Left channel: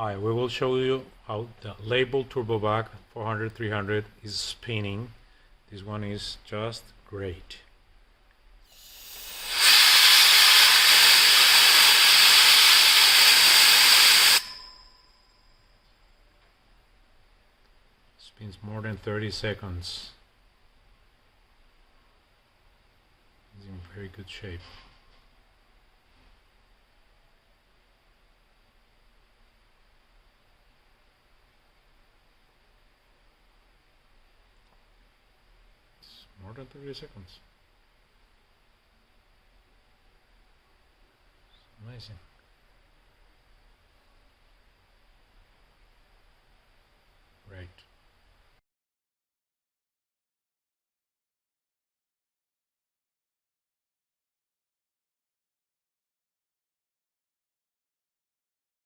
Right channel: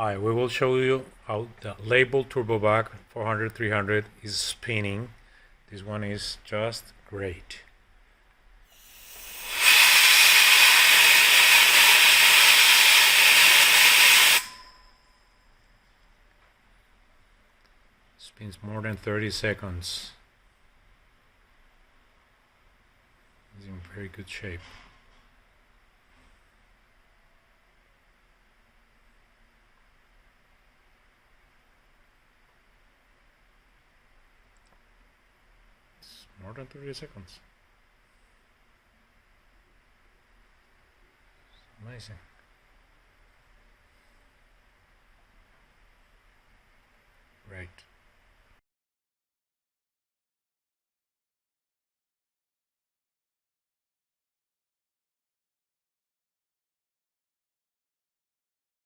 Hi, we will show you how the Leybold Turbovac 400-300 is spinning. This one is just great. Spins more than 30 seconds. It's in very good shape. More than 30 seconds. Amazing. Great.